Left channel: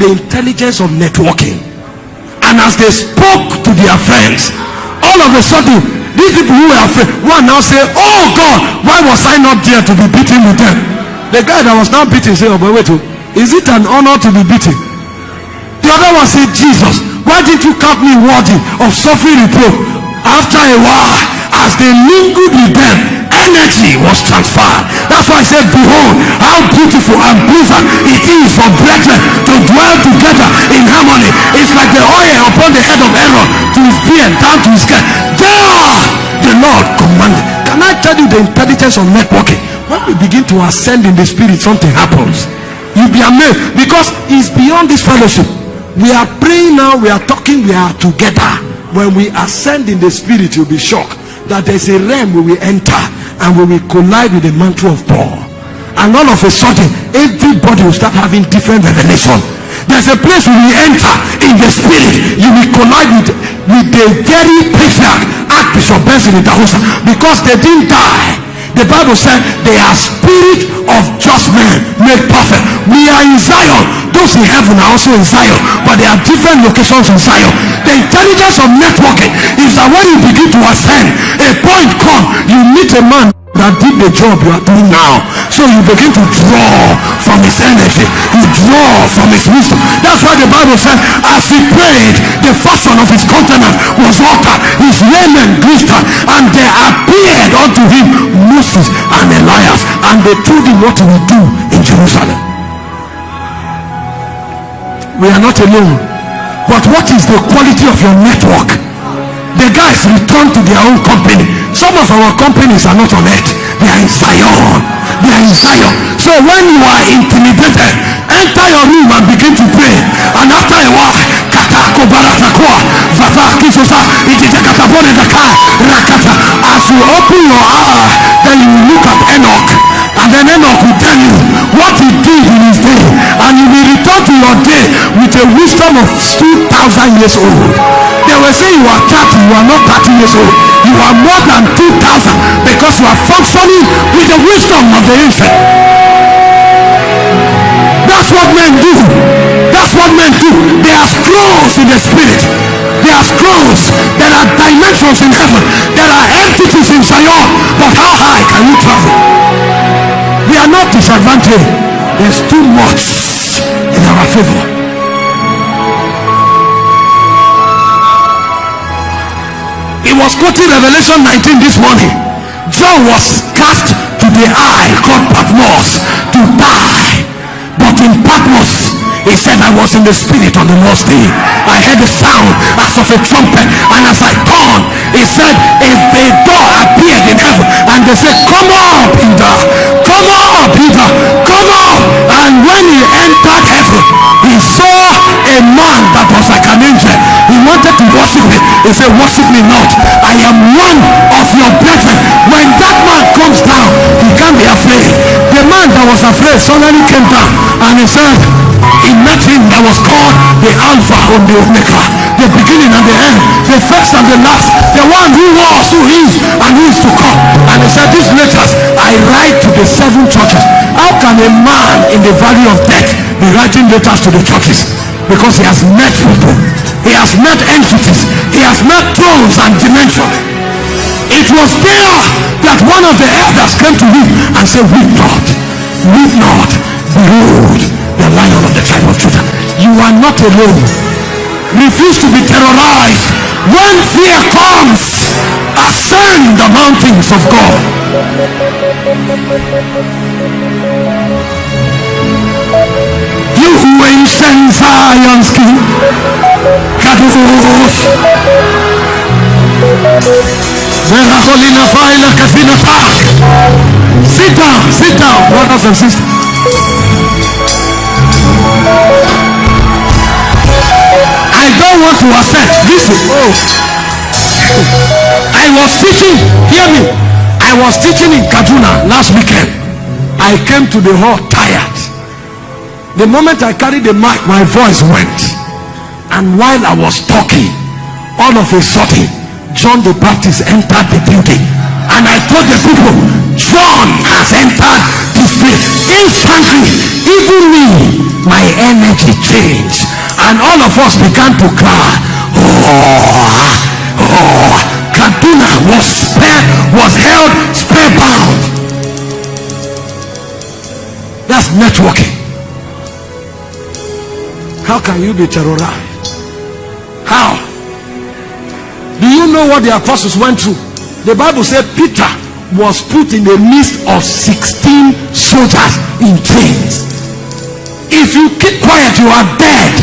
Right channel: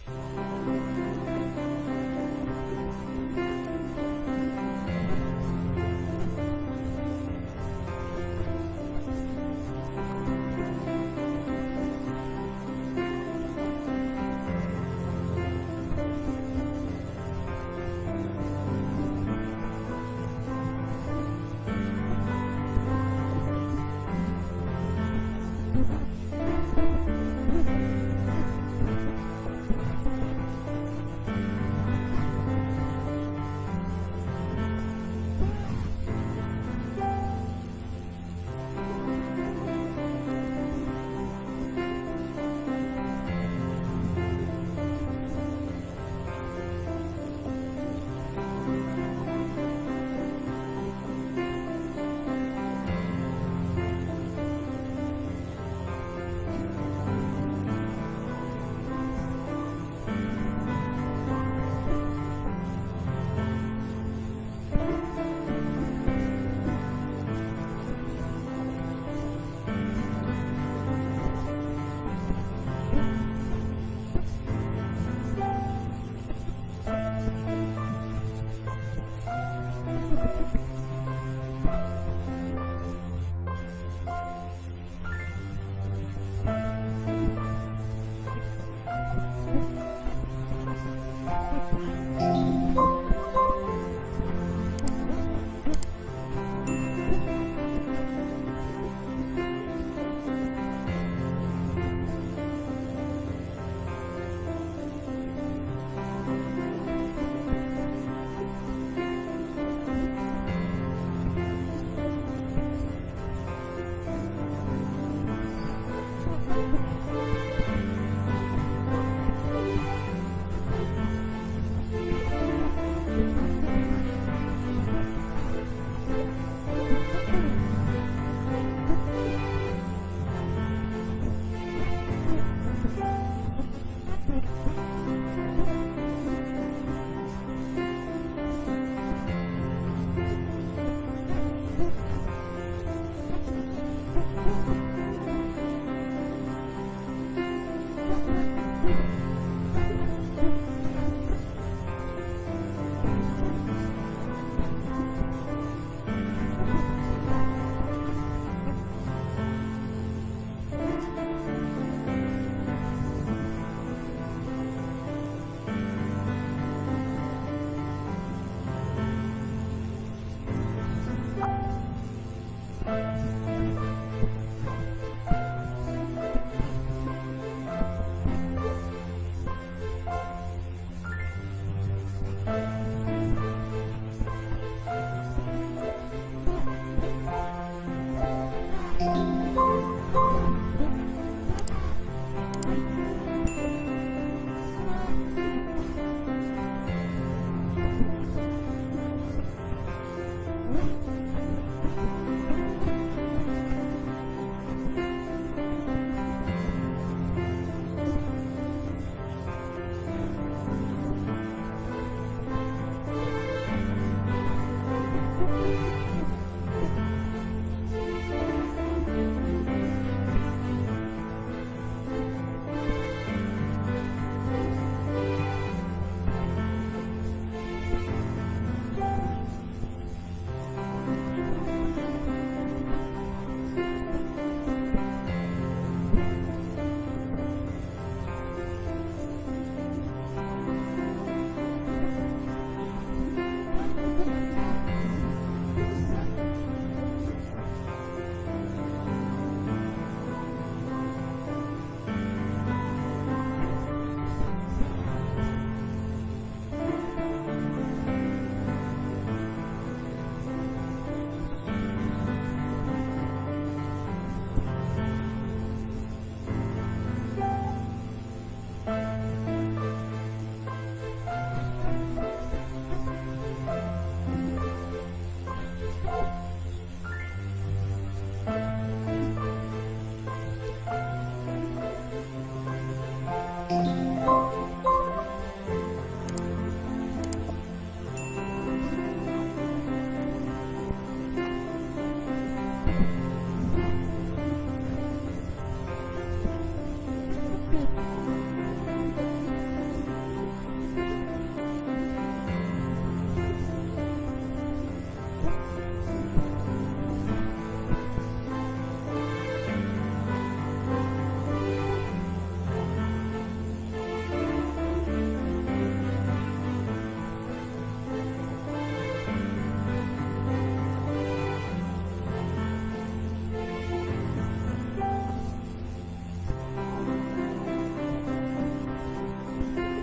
the intelligence of networking. And as they spoke to their friends, all of a sudden, these people who were afraid, one now say, oh God, why was I not there to be beaten with them? The guy that was now beaten said, oh, but wait, is it an honor to be beaten? The other one said, Jesus, why did you count me worthy of suffering reproach? After a while, as they mingled with them, energy was transferred. That's why I said, behold, how beautiful and pleasant it is for brethren to dwell together in harmony. It's like the oil upon the head of Aaron, to his beard down to his scalp. There the Lord commanded. Can I tell you the intelligence of networking? When we begin to ascend in the spirit, something happens. You'll be amazed, because it's beyond this fellowship. We are praying now, we are talking, we are together. When we ascend in the spirit, you'll be shocked that there's a realm where we enter and we will collide with the mantle of Paul. And all of a sudden, everybody will start having different revelation. There's a place where we enter in the spirit, you will collide with the very patriarch, Archbishop Benson in Dahosa, because they didn't die. The Bible said they are spirit of just men made perfect. We are in Zion. Those in heaven are also in Zion, but there are different locations in Zion. The intelligence of networking is that when you begin to ascend, a point comes, you meet a man that did the job you are doing now. So you begin to draw from his energy, you draw from his wisdom. That's why the Bible said, as he prayed, the fashion of his countenance was altered, his raiment glistered, and there appeared unto him Moses and Elias, and they told him what he would do in Jerusalem. We are not alone. But what is the quality of your network? The guys return to their own company. Some of our companies are not on earth, they are in Zion. They are in Zion. So when you are intimidated, enter your room and begin to pray. And after a while, as you open your eye, then you look at Enoch, and then Enoch will tell you what he did in his day, and you will return to your day with a wisdom of 2,000 years old. They will say you are 30, you are not 30 years old. You are more than 2,000, because you are functioning with the wisdom of the ancient. That's what men do. That's what men do. They are scrolls in the spirit. They are scrolls. There are dimensions in heaven. There are entities in Zion. But how high can you travel? We are not disadvantaged. There's too much in our favor. He was quoting Revelation 19 this morning. John was cast to the eye called Patmos to die. But in Patmos, he said, I was in the spirit on the Lord's day. I heard the sound as of a trumpet, and as I turned, he said, a door appeared in heaven, and they said, come up, Peter, come up, Peter, come up. And when he entered heaven, he saw a man that was like an angel. He wanted to worship him. He said, worship me not, I am one of your brethren. When that man comes down, he can't be afraid. The man that was afraid suddenly came down, and he said, he met him that was called the Alpha and the Omega, the beginning and the end, the first and the last, the one who was, who is, and who is to come. And he said, these letters I write to the 7 churches. How can a man in the valley of death be writing letters to the churches? Because he has met people, he has met entities, he has met thrones and dimensions. It was there that one of the elders came to him and said, weep not, behold the Lion of the tribe of Judah. You are not alone. Refuse to be terrorized. When fear comes, ascend the mountains of God. You who ancient Zion's king, Kadosh, sit down, brothers and sisters. I don't want to ascend. Listen. I was teaching, hear me. I was teaching in Kaduna last weekend. I came to the hall tired. The moment I carried the mic, my voice went. And while I was talking, all of a sudden, John the Baptist entered the building. And I told the people, John has entered this place. Instantly, even me, my energy changed, and all of us began to cry. Kaduna was held spellbound. That's networking. How can you be terrorized? How? Do you know what the apostles went through? The Bible said Peter was put in the midst of 16 soldiers in chains. If you keep quiet, you are dead.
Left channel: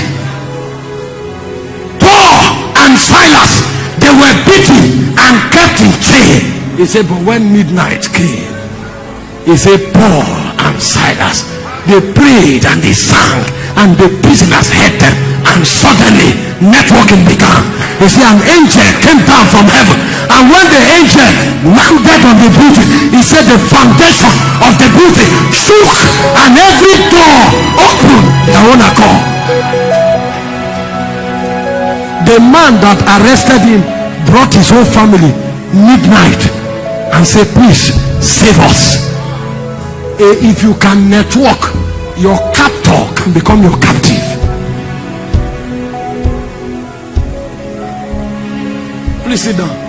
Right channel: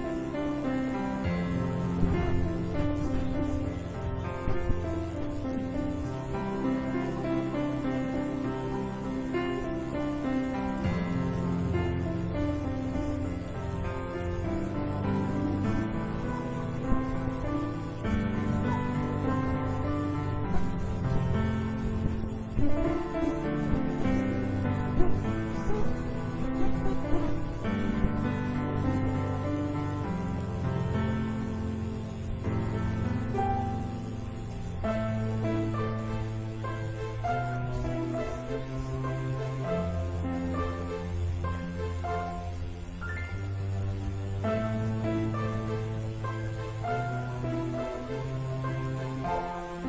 Paul and Silas, they were beaten and kept in chain. He said, but when midnight came, he said, Paul and Silas, they prayed and they sang, and the prisoners heard them, and suddenly networking began. You see, an angel came down from heaven, and when the angel landed on the building, he said the foundation of the building shook, and every door opened their own accord. The man that arrested him brought his whole family midnight and said, please save us. If you can network, your captor can become your captive. Please sit down.